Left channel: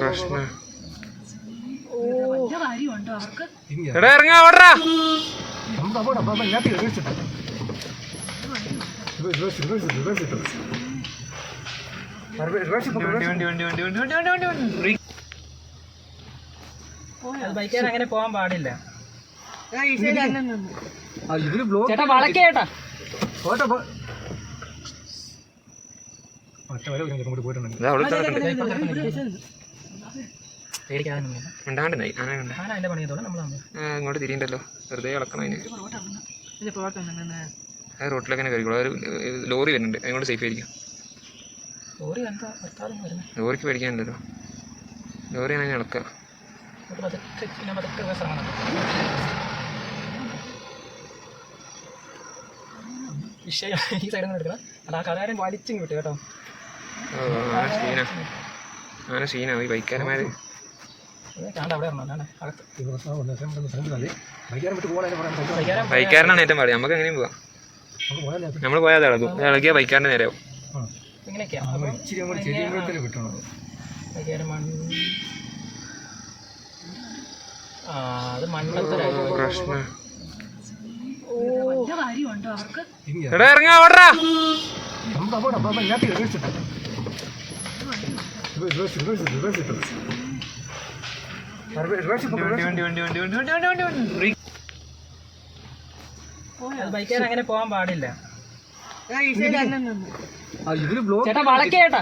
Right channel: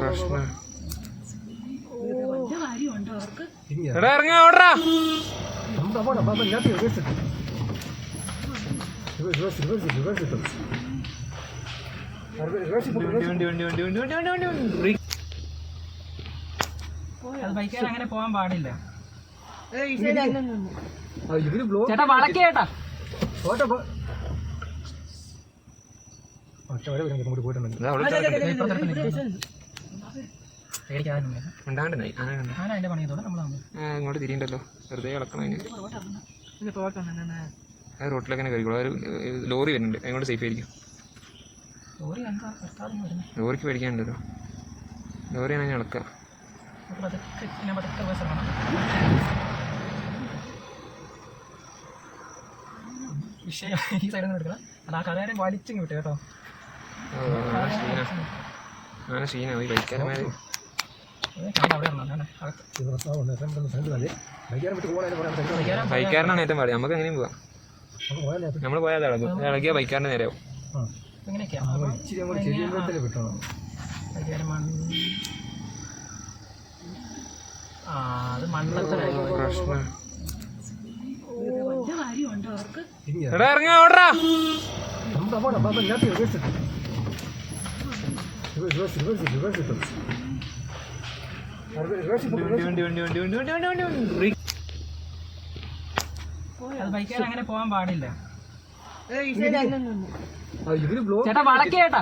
പ്രശ്നം എടാ ഇറങ്ങാ ഓടറാ അങ്ങനെ പോവാൻ പാടില്ല. അങ്ങോട്ട് തിരിയണ്ടല്ലോ, വെറുതെ ഇളക്കണം അതിന്. ആ റോട്ടിലൊക്കെ കയറിക്കോളൂ. ലോറി വരുന്നുണ്ട്, അങ്ങോട്ട് സേഫ് ആയിരിക്കും. ലോറിക്ക് പേടിക്കാനില്ലല്ലോ, ലോറിയാണ് അതിന് ഇളക്കുക. ഈ സൈഡിൽ നിന്ന് എടുക്കണം. അത് ആ കഥകാരൻ വലിച്ചും കിട്ടും കേട്ടോ. അങ്ങനെ സീനാവും ഈ ബൈക്കാരന്മാർ. ബൈക്കാരനാണ് ഏറ്റവും പാടി. നമുക്ക് എങ്ങനെയും പോവാം. നമ്മൾ പോയാൽ ഇളകും, ഇളകിയ ബൈക്കാരൻ്റെ നേരെയാവും. പ്രശ്നം എടാ ഇറങ്ങാ ഓടറാ അങ്ങനെ പോവാൻ പാടില്ല. ചേട്ടാ വളക്കേട്ടാ.